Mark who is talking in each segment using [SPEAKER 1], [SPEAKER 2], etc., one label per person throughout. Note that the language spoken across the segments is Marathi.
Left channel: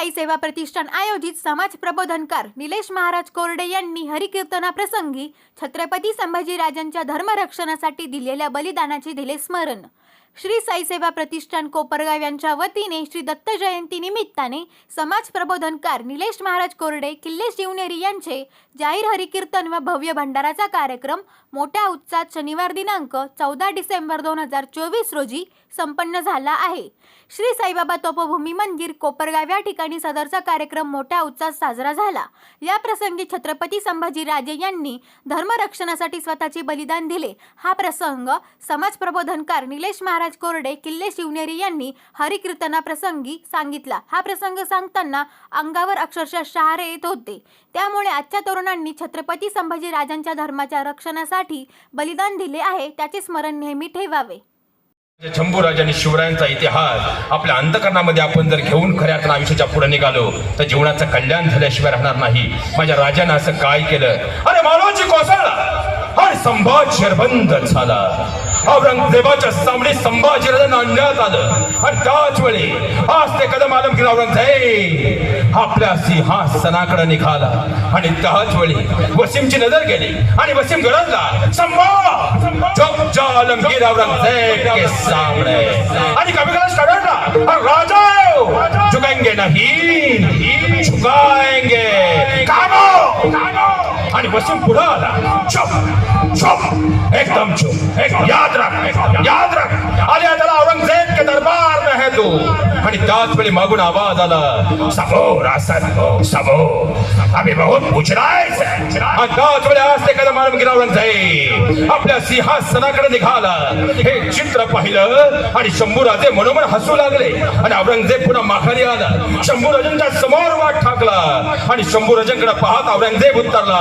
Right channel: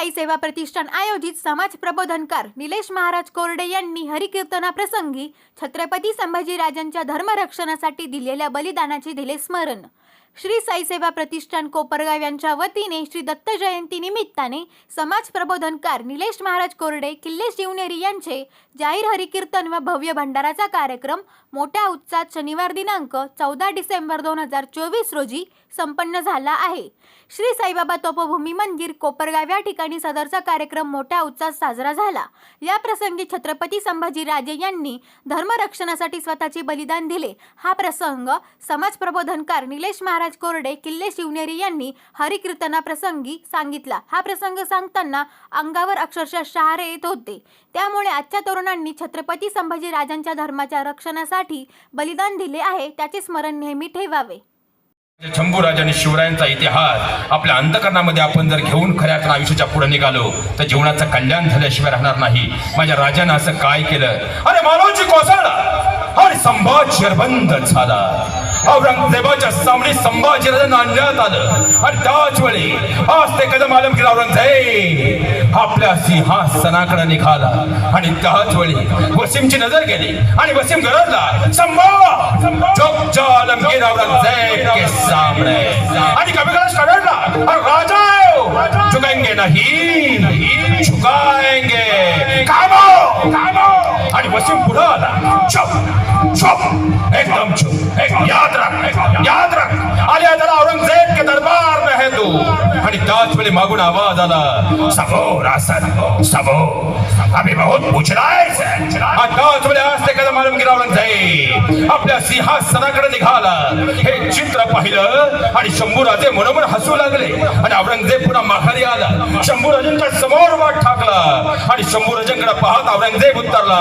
[SPEAKER 1] साई सेवा प्रतिष्ठान आयोजित समाज प्रबोधनकार निलेश महाराज कोरडे यांनी हरिकीर्तनाप्रसंगी छत्रपती संभाजीराजांच्या धर्मरक्षणासाठी दिलेल्या बलिदानाचे दिले स्मरण. श्री साई सेवा प्रतिष्ठान कोपरगाव यांच्या वतीने श्री दत्त जयंती निमित्ताने समाज प्रबोधनकार निलेश महाराज कोरडे किल्ले शिवनेरी यांचे जाहीर हरिकीर्तन व भव्य भंडाराचा कार्यक्रम मोठ्या उत्साहात शनिवार दिनांक चौदा डिसेंबर दोन हजार चोवीस रोजी संपन्न झाला आहे. श्री साईबाबा तोपभूमी मंदिर कोपरगाव या ठिकाणी सदरचा कार्यक्रम मोठ्या उत्साहात साजरा झाला. या प्रसंगी छत्रपती संभाजीराजे यांनी धर्मरक्षणासाठी स्वतःचे बलिदान दिले. हा प्रसंग समाज प्रबोधनकार निलेश महाराज कोरडे किल्ले शिवनेरी यांनी हरिकीर्तनाप्रसंगी सांगितला. हा प्रसंग सांगताना अंगावर अक्षरशः शहारे येत होते. त्यामुळे आजच्या तरुणांनी छत्रपती संभाजी राजांच्या धर्माच्या रक्षणासाठी बलिदान दिले आहे त्याचे स्मरण नेहमी ठेवावे.
[SPEAKER 2] शंभूराजांनी शिवरायांचा इतिहास आपल्या अंतकरणामध्ये आपण जर घेऊन खऱ्या तर आयुष्याच्या पुढे निघालो तर जीवनाचं कल्याण झाल्याशिवाय राहणार नाही. माझ्या राजानं असं काय केलं? अरे मानवची कोसळ अरे संभाज शरबंद झाला. औरंगजेबाच्या सामने संभाजीराजांना आणण्यात आलं. आणि त्याच वेळी आज ते कदम आलम केला औरंगजेब आपल्या सिंहासनाकडे निघाला. आणि त्याच वेळी वसीमची नजर गेली. आणि वसीम गरजला संभा चुप जा आलमगीर औरंगजेब के सामने. आणि कविता स्टडला राजा झुकेंगे नाही झुकाएंगे कामो कामो. आणि वसीम पुढे आला चुप चुप एकदम चुप एक याद रख याद रख आलिया त्याला औरंगजेब के दरबार में है तू. आणि त्याच वेळी मागून आवाज आला. सबो रासन सबो अभी बहुत पूछ रहा है त्याच वेळी आज ते आपल्या सिंहासनाकडे निघाला. हे चित्र पाहिलं आणि शंभूराजे मनोमन हसू लागले. आणि औरंगजेब पुन्हा माघारी आला. शंभूराजांच्या समोर वाट ठाकला. आणि शंभूराजांकडे पाहत औरंगजेब उतरला.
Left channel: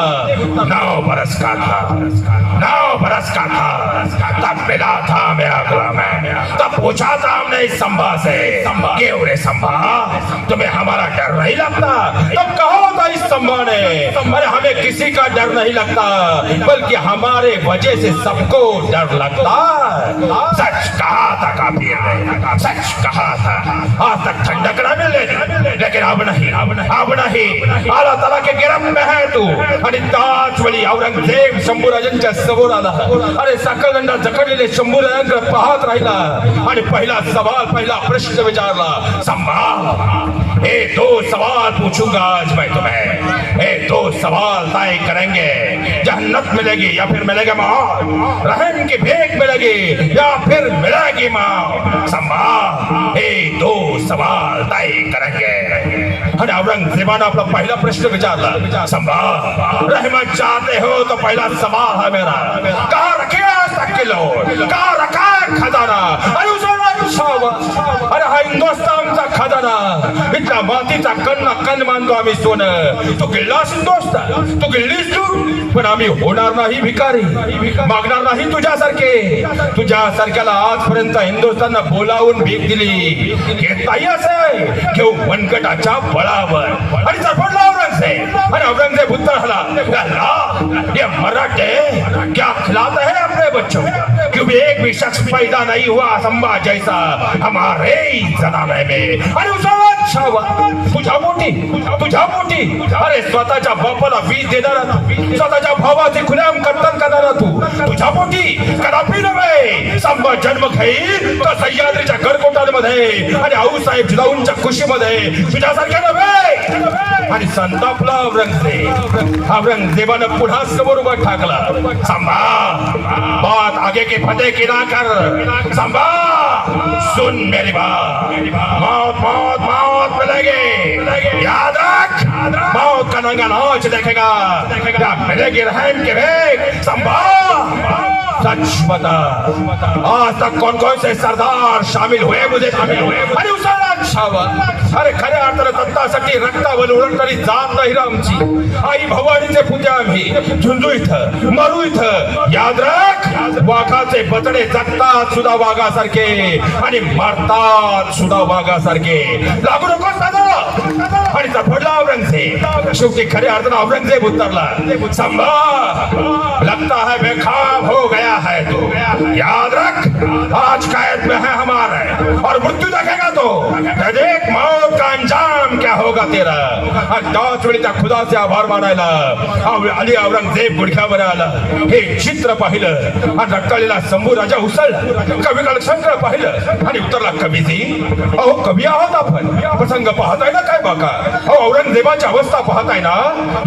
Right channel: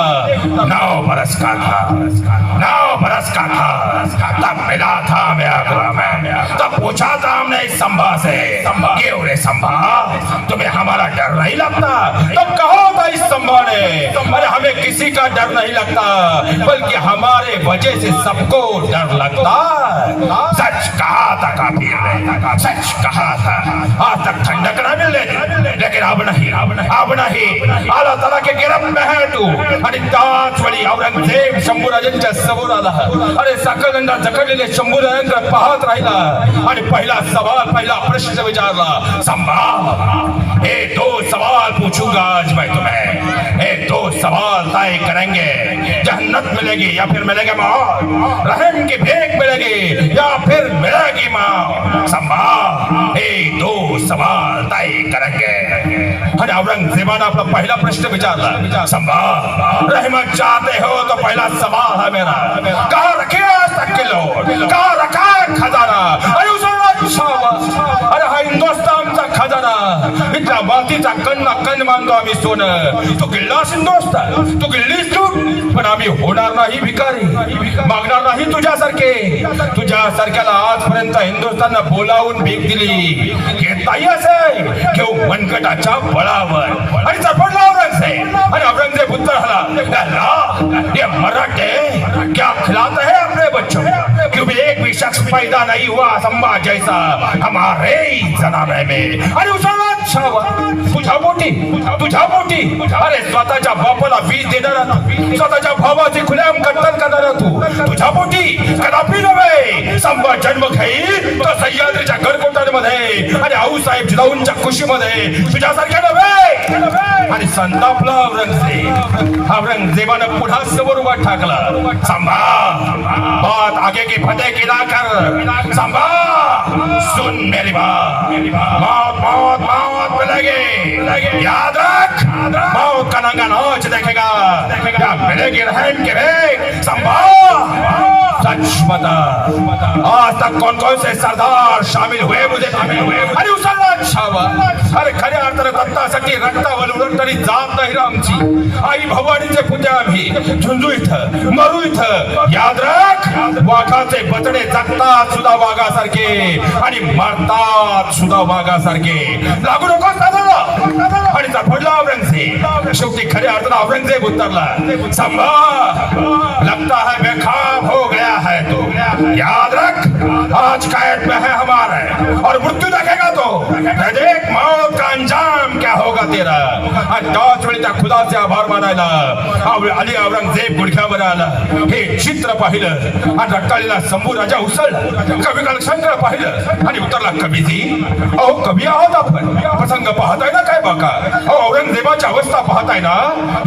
[SPEAKER 2] नाव बरस का था? नाव बरस का था? तब मिला था मैं अगला मैं। तब पूछा था हमने इस संभा से। क्यों रे संभा? तुम्हें हमारा डर नहीं लगता? तब कहो था इस अरे हमें किसी का डर नहीं लगता बल्कि हमारे वजह से सबको डर लगता सच कहा था काफी सच कहा था। आज तक ठंडक न मिले लेकिन अब नहीं अब नहीं। अब नहीं अल्लाह ताला के गिरफ्त में है तू। आणि ताज वेळी औरंगजेब शंभूराजांच्या समोर आला। अरे सकलंडा जखडलेले शंभूराजांकडे पाहत राहिला। आणि पहिला सवाल पहिला प्रश्न विचारला। संभा ये दो सवाल पूछूंगा आज सवाल तय करेंगे जन्नत मिलेगी या फिर मिलेगी मौत रहम की भीख मिलेगी या फिर मिलेगी मौत संभा ये दो सवाल तय करेंगे आणि औरंगजेबानं आपला पहिला प्रश्न विचारला संभा रहमत चाहते हो तो पहला सवाल है मेरा कहा रखे आज तक के लोग कहा रखा है मानतो आम्ही सोनं. तू गिळलास हिंदुस्थान तू किल्लीच तू पण आम्ही होणार नाही भिकारी. मागणार नाही तुझ्यासारखे. तुझ्यासारख्याला आजपर्यंत हिंदुस्थाननं बोलावून भीक दिली. घेताही असं घेऊ मनकटाच्या बळावर. आणि चपडला औरंगजेब. आणि औरंगजेब उत्तर झाला ये मराठे क्या खिलाते है अपने बच्चों? को एक भी शख्स पैदा नहीं हुआ संभा जैसा हमारे ही में। अरे उसाळा तुझ्या मोठी तुझ्या मोठी. अरे स्वतःच्या बापाला वीज देणारा स्वतःच्या भावाचे खुल्याम कर्तन करणारा तू. तुझ्या मोठी कदापि नव्हे. संभा जन्म घेईल. तर सह्याद्रीच्या गडकोटांमध्ये आणि आऊसाहेब जिलाऊंच्या खुशीमध्ये तुझ्यासारख्या नव्हे. आणि संतापला औरंगजेब. औरंगजेबानं पुन्हा समोर उभा ठाकला. सांभा बात आगे की फतेह की ना कर सांभा सुन मेरी बात मौत मौत मिलेगी याद रख मौत का नंगा नाच देखेगा या मिलेगी रहम के रे संभा सच बता आज तक कौन कौन से सरदार शामिल हुए मुझे शामिल हुए अरे उसाला छावा अरे खऱ्या अर्थानं दत्तासाठी रक्तावर उलटणारी जात नाही आमची. आई भवानीचे पूजा आम्ही. झुंजू इथं मरू इथं. याद राख वाघाचे बचडे जगतात सुद्धा वाघासारखे आणि मरतात सुद्धा वाघासारखे. लागू नको साधारा आणि पडला औरंगजेब शेवटी खऱ्या अर्थानं औरंगजेब उतरला. संभा लगता है बेखाब हो गया है तो. या आणि औरंगजेब गुडघ्यावर आला. हे चित्र पाहिलं. आणि रक्ताळीला शंभू राजा उसळला कवी कालशंकर पाहिलं. आणि उतरला कवीजी अहो कवी आहात आपण. प्रसंग पाहताय ना काय बाका? अहो औरंगजेबाची अवस्था पाहताय ना?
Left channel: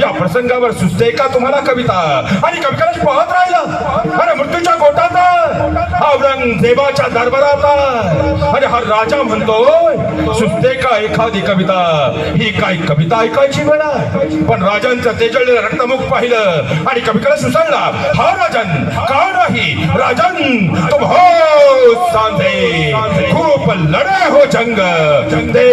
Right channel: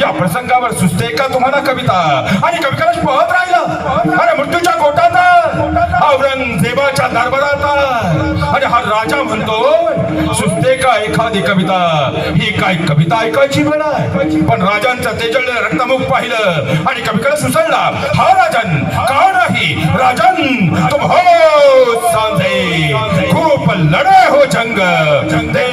[SPEAKER 2] या प्रसंगावर सुचते का तुम्हाला कविता? आणि कवी कालच पाहत राहिलं. अरे मृत्यूच्या कोटात औरंगजेबाच्या दरबारात आणि हा राजा म्हणतो सुचते का एखादी कविता. ही काय कविता ऐकायची म्हणा पण राजांचं तेजळ रक्तमुख पाहिलं आणि कविकडे सुचळला. हा राजन का नाही? राजन तुम हो सांधे. खूप लढे हो जंग. देख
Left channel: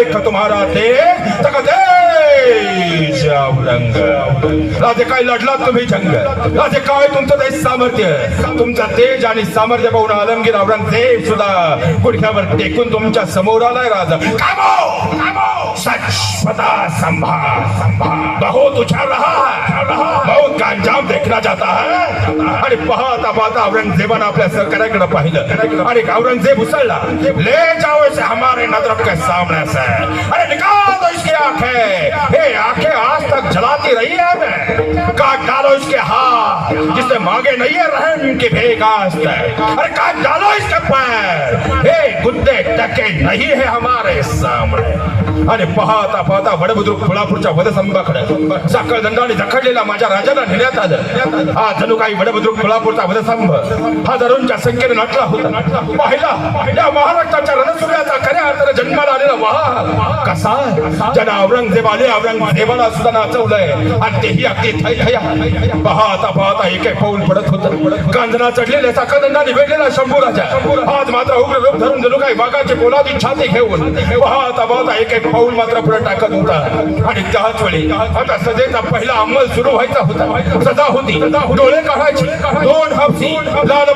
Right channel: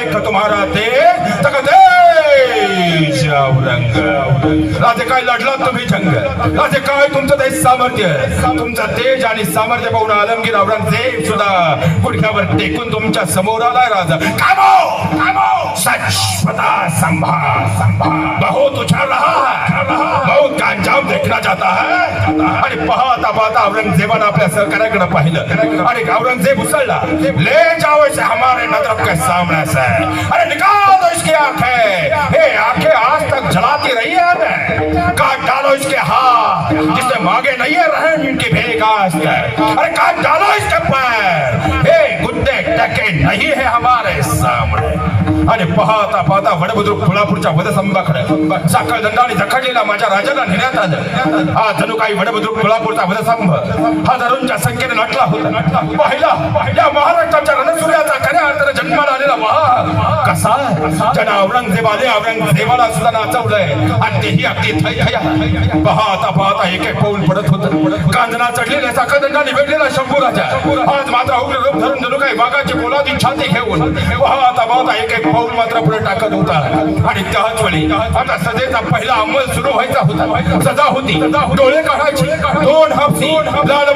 [SPEAKER 2] काय लढला तुम्ही जंग असे काय तुमचं ते सामर्थ्य? तुमचं तेज आणि सामर्थ्य पाहून आलमगीर औरंगजेब सुद्धा गुडघ्यावर टेकून तुमच्यासमोर आलाय राजा. कामो! कामो! सच पता संभा बहुत उछाल रहा है. बहुत का अंजाम देखना जाता है. आणि पाहता पाहता औरंगजेबानं आपल्या सरकाराकडे पाहिलं. आणि औरंगजेब उसळला. ले जाओ इसे हमारे नजर के सामने से. अरे निकाल दो इसकी आंखें हाथ मांगे नहीं है रहम की भेगा आज अरे काट डालो इसके पैर। हे गुद्दे टके नहीं है हमारे सामने। आणि पाहता पाहता वडबुद्रुक तुळापूरच्या वधसंभाकडे साखळ दंडाने जखडलेला माझ्या राजाला नेण्यात आलं हा जणू काही वडबुद्रुक तुळापूरचा वधसंभ हजारोंच्या संख्येने नटला होता पाहिला या महाराष्ट्राच्या रणसूर्याचा खऱ्या अर्थाने जन्माला आलेला वाह। कसा? ज्यानं औरंगजेबाने औरंगजेबाला सुद्धा नाचवलंय. आणि तेही अगदी थै थैया पाहता पाहता एक एक पाऊल पडत होत. कांदना चढलेले साखळदंडा निवेडलेला शंभू राजा. आज मात्र उग्र रूप धरून जणू काही वाघाची पोलादी छाती घेऊन पाहता पाहता एक एक पाऊल मात्र पुढे टाकत होता. आणि त्याच वेळी आता सजेचा पहिला अंमल सुरू व्हायचा होता. सजा होती. डोळे काढायची. दोन हापसी. लाल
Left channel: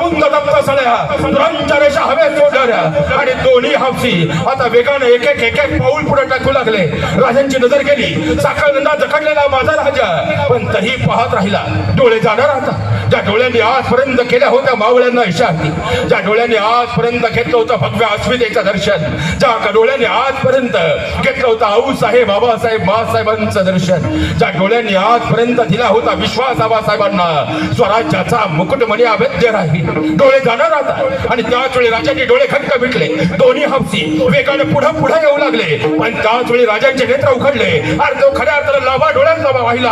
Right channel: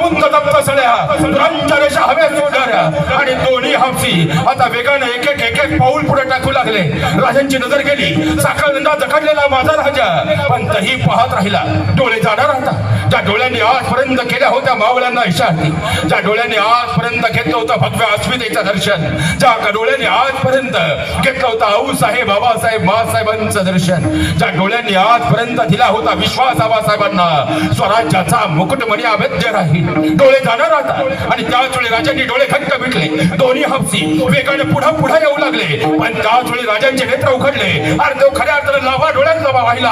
[SPEAKER 2] दप्त सळ्या तुरांच्या रेषा हवेत सोडणाऱ्या आणि दोन्ही हापसी आता वेगाने एक एक एक एक पाऊल पुढे टाकू लागले. राजांची नजर गेली. साखळदंडा जखडलेला माझा राजा. पण तही पाहत राहिला. डोळे जाणार आता. ज्या डोळ्यांनी आजपर्यंत केल्या होत्या मावळ्यांना इशारती. ज्या डोळ्यांनी आजपर्यंत घेतलं होतं भव्य अस्मितेचं दर्शन. ज्या डोळ्यांनी आजपर्यंत घेतलं होतं आऊसाहेब बाबासाहेब मासाहेबांचं दर्शन. ज्या डोळ्यांनी आजपर्यंत दिला होता विश्वास आबासाहेबांना स्वराज्याचा मुकुटमणी अभेद्य राहील. डोळे जाणार आता आणि त्याच वेळी राजाचे डोळे घट्ट भेटले दोन्ही हपसी वेगाने पुढे पुढे येऊ लागले. पण त्याच वेळी राजांचे नेत्र उघडले. आणि तो खऱ्या अर्थाला लावा डोळ्यात लावा वाहिला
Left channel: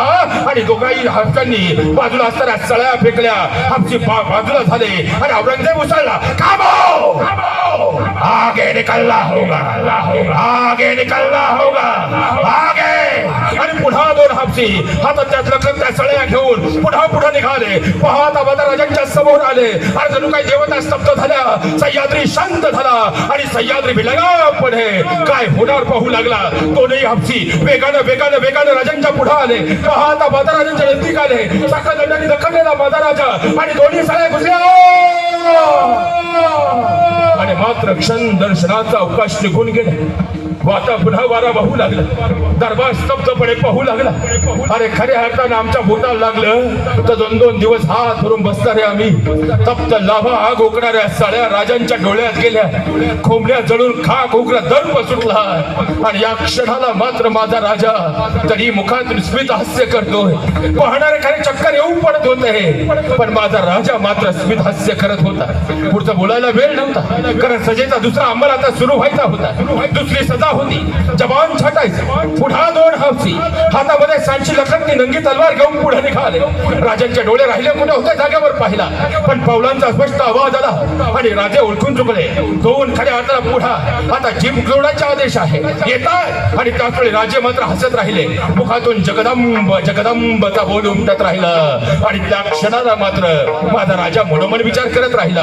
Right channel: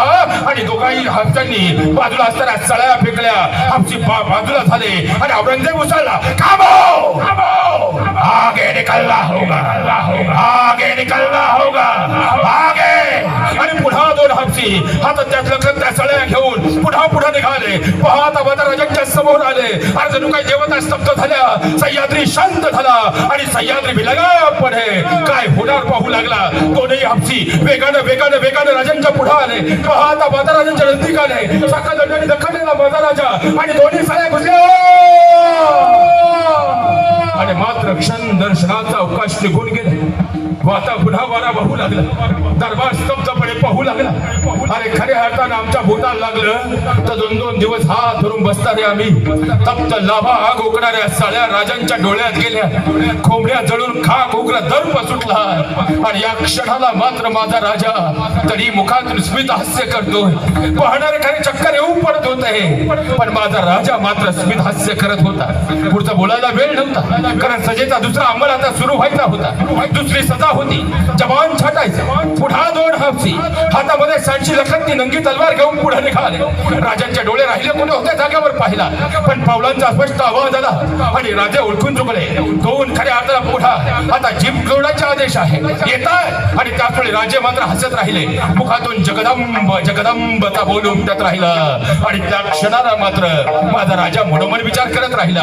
[SPEAKER 2] आणि दोघाही हापसांनी बाजूला असताना सळ्या फेकल्या. हापसी बाजूला झाले. आणि औरंगजेब उसळला. काबो आगे निकलना होगा. आगे निकलना होगा. आगे दोन हापसी. हातात त्यात लखन त्या सळ्या घेऊन पुन्हा पुढे निघाले. पाहता पाहता राजांच्या समोर आले. आणि जणू काही देवता स्तब्ध झाल्या. सह्याद्री शांत झाला आणि सह्याद्री भिलगापणे काय होणार पाहू लागला. दोनही हापसी वेगानं वेगानं वेगानं राजांच्या पुढे आले. पाहता पाहता राजांच्या नजदीक आले. साखा दंडाने दखडलेला माझा राजा आणि दोन्ही सळ्या घुसल्या. आणि मात्र क्षण दर्शनाचा अवकाश निघून गेले. वाता पुन्हा वारा वाहू लागला. दरबार स्तब्धपणे पाहू लागला. अरे खऱ्या अर्थानं आमच्या भूताला लागलं. तर दोन दोन दिवस हात धरून बसणारे आम्ही तप्त लाभा आग उकणाऱ्या सळ्या राजांच्या डोळ्यात गेल्या. खोबऱ्या जळून खाक उग्र दर्प सुटला. आणि या क्षणाला मात्र माझा राजा तरी मुखात स्मित हास्य करतोय. पाहणारे काही चक्कर येऊन पडत होते. पण माझा राजा मात्र स्मित हास्य करत होता. पुढचं बोलायला वेळ नव्हता. कारण सजेचा दुसरा अंमल आता सुरू व्हायचा होता. दुसरी सजा होती. जवान छाटायचं. पुढा दोन हापसी हातामध्ये सांची लखननी नंगी तलवार घेऊन पुढे निघाले. राजांचे डोळे राहिले कुठे होते जागेवर पाहिला. पण पावलांचा स्पष्ट आवाज आला आणि राजे उलटून चुकले. दोन खऱ्या हाताला पुढा. आता जीप जोडायचे आदेश आहे. येतात. आणि त्याचवेळी राजे मात्र हसत राहिले. मुखातून जगदंब जगदंबचा बोल उमटत राहिला. आणि त्या क्षणाला मात्र माझा राजा मनोमन विचार करत राहिला.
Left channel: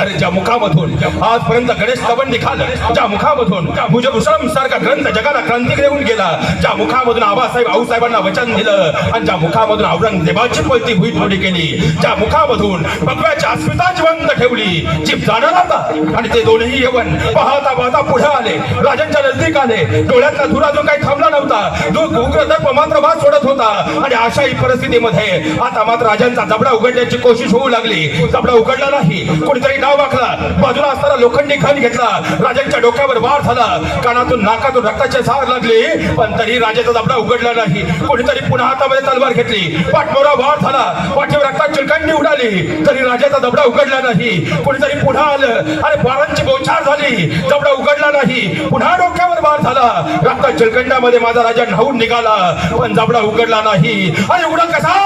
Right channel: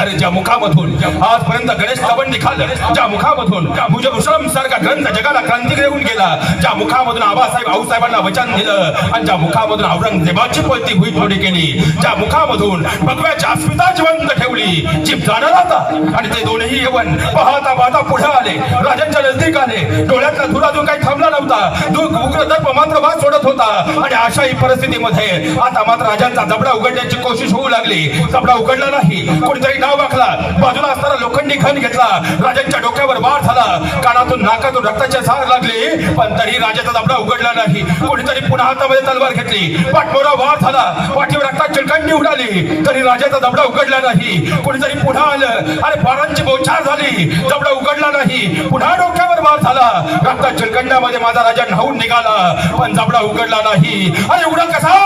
[SPEAKER 2] अरे ज्या मुखामधून आजपर्यंत गणेश स्तवन निघाल ज्या मुखामधून भुजभूषण सारखा ग्रंथ जगाला क्रांती घेऊन गेला ज्या मुखामधून आबासाहेब आऊसाहेबांना वचन दिलं आणि ज्या मुखामधून औरंगजेबाची पलती हुई थोडी केली ज्या मुखामधून भगव्याच्या अस्मिताची ठेवली. जीप जाणार आता. आणि ते दोनही येऊन पाहता पाहता पुढे आले. राजांच्या नजदीक आले. डोळ्यातला धुरा जो काही थांबला नव्हता. दूध उग्र मात्र वाद सोडत होता. आणि अशाही परिस्थितीमध्ये आता मात्र राजांचा जबडा उघडण्याची कोशिश होऊ लागली. जबडा उघडला नाही. कोणीतरी नाव वाकला. बाजूला असताना लोखंडी खण घेतला. राजांच्या डोक्यावर वार झाला. कानातून नाकातून रक्ताचे सार लागले. पण तरी राजाचा जबडा उघडला नाही. कोणीतरी पुन्हा हातामध्ये तलवार घेतली. पाठमोरा वार झाला. पाठीवर रक्तात चिलकंडी उडाली. तरी राजाचा जबडा उघडला नाही. कोणीतरी पुन्हा आलं आणि बारांची बोछार झाली. जबडा उघडला नाही. पुन्हा डोक्यावर वार झाला. रक्तात जलखंडामध्ये माझा राजा न्हावून निघाला. पण जबडा उघडला नाही. अरे उघडा कसा?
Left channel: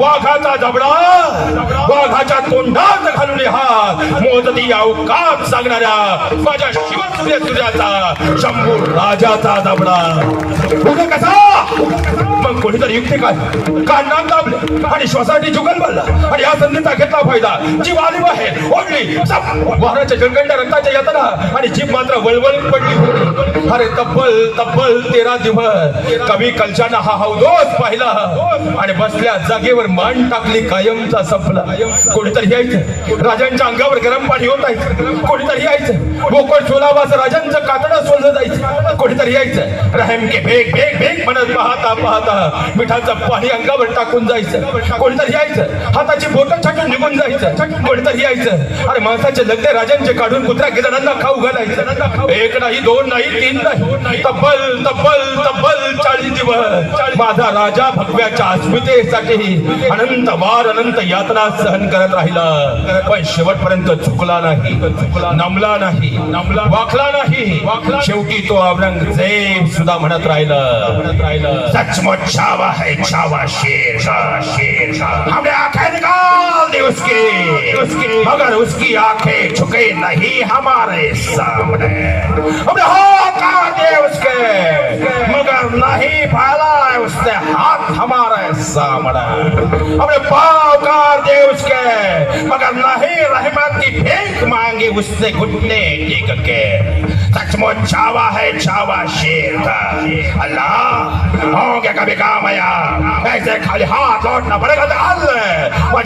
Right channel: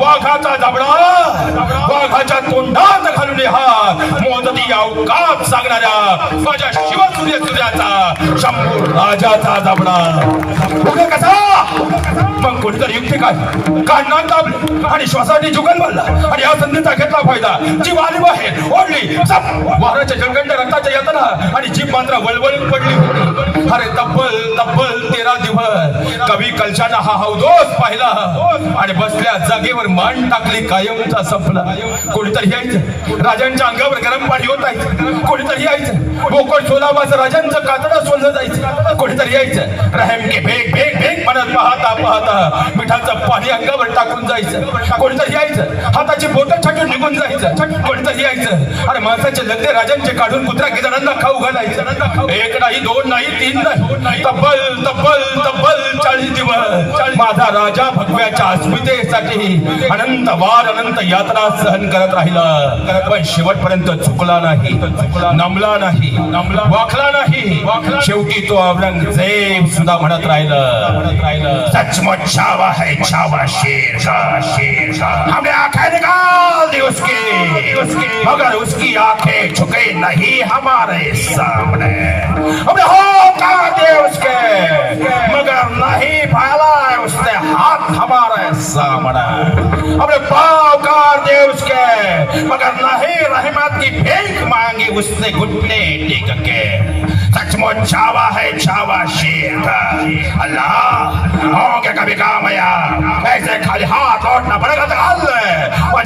[SPEAKER 2] वाघाचा जबडा. वाघाच्या तोंडात घालून हा. मोदती अवकाप सांगणाऱ्या माझ्या शिवसूर्य सूर्याचा शंभू राजाचा जबडा उघडा कसा? मग कोणीतरी युक्ती काय? काढणार दाबले? आणि श्वासासाठी जुगल बनला आणि या संधीचा घेतला फायदा. जीव आली बाहेर ओढली. वाराच्या रक्ताच्या यातना. आणि जीभ मात्र वलवल पडली. अरे तब्बल तब्बल तेरा दिवस. कवी कलशानं हा हौदोस पाहिला. आणि बसल्या जागेवर मान टाकली कायमचा संपला. कोणीतरी यायचं. राजांच्या अंगावर गरम पाणी होत आहे. कोणीतरी यायचं. बोकड सोलावाचं राजांचं कातडं सोडलं जायचं. कोणीतरी यायचं. रहम के भेग भेग भेग म्हणत पाहता पाहता मिठाचं पाणी अंगावर टाकून जायचं. कोणीतरी यायचं. हाताची बोटं छाटून निघून जायचं. कोणीतरी यायचं. अरे माणसाचे लग्न राजांचे काढून कुत्र्या गिदारांना खाऊ घालायचं. एक नाही दोन नाही तीन नाही. तब्बल तब्बल तब्बल चाळीस दिवस माझा राजा भगव्याच्या अस्मितेसाठी अनंत वार अनंत यात्रा सहन करत राहिला. पण शेवटपर्यंत चुकला नाही नमला नाही वाकला नाही. शेवटी तो औरंग औरंगजेब सुद्धा म्हणत राहिलं. म्हणत राहिलं सचमुच छावा है छावा शेर शेर. शाह आंखें निकाल दे उसकी उसकी मगर उसकी आंखें झुके नहीं हमारे सामने. हमें होकार दे उसके मगर नहीं फैला है उसने हाथ सामने हमें पाव का देश के. मगर नहीं रहमत की भीख मांगी उससे घुटने टेक के. सचमुच छावा है छावा शेर. का अल्लाह होंगे कभी काम आया. ऐसे खाली हाथ लौटना पडेगा अल्लाह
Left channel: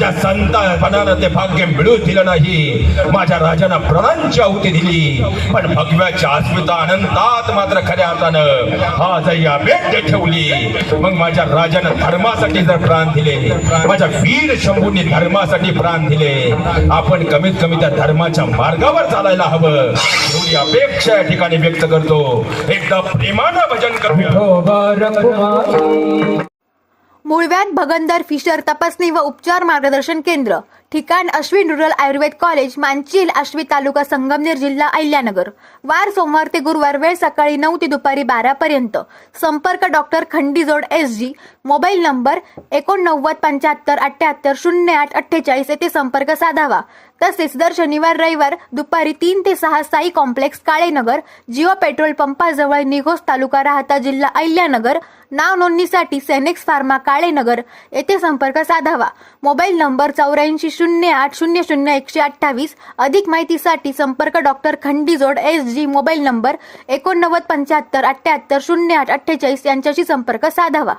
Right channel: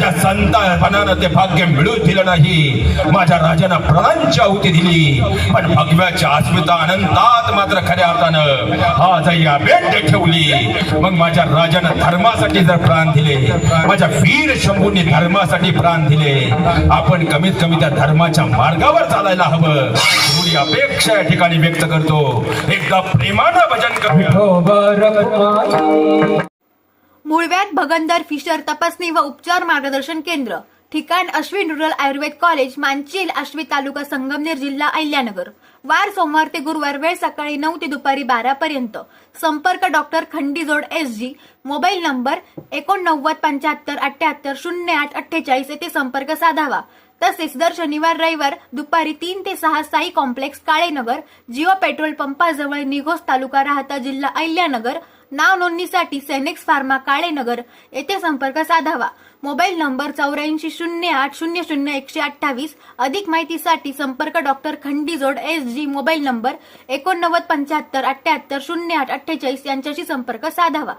[SPEAKER 2] माझ्या संतापणानं ते भाग्य मिळू दिलं नाही. माझ्या राजानं प्राणांची आहुती दिली. पण भगव्याच्या अस्मिता अनंतात मात्र खऱ्या अर्थानं हा जय्या भेट ठेवली. मग माझ्या राजानं धर्मासाठी जर प्राण दिले माझ्या वीर शंभूंनी धर्मासाठी प्राण दिले आपण कमीत कमी त्या धर्माच्या मार्गावर चालायला हवं. एवढी अपेक्षा या ठिकाणी व्यक्त करतो. एकदा प्रेमानं भजन करूया.
[SPEAKER 1] मुळव्यात भगंदर फिशर तपासणी व उपचार मार्गदर्शन केंद्र. ठिकाण अश्विन रुरल आयुर्वेद कॉलेज मांचील आश्वी तालुका संगमनेर जिल्हा अहिल्यानगर. वार सोमवार ते गुरुवार वेळ सकाळी नऊ ते दुपारी बारा पर्यंत. संपर्क doctor Khandijod S G. Mobile number एकोणनव्वद पंच्याहत्तर अठ्ठ्याहत्तर शून्य आठ अठ्ठेचाळीस येथे संपर्क साधावा. तसेच दर शनिवार रविवार दुपारी तीन ते सहा Sai complex Kalenagar Jio petrol पंपाजवळ Nighos तालुका राहता जिल्हा अहिल्यानगर नाव नोंदणीसाठी सेनेक्स फार्मा काळेनगर येथे संपर्क साधावा. मोबाईल नंबर चौऱ्याऐंशी शून्य आठ शून्य शून्य एकशे अठ्ठावीस अधिक माहितीसाठी संपर्क doctor Khandijod S G mobile number एकोणनव्वद पंच्याहत्तर अठ्ठ्याहत्तर शून्य आठ अठ्ठेचाळीस यांच्याशी संपर्क साधावा.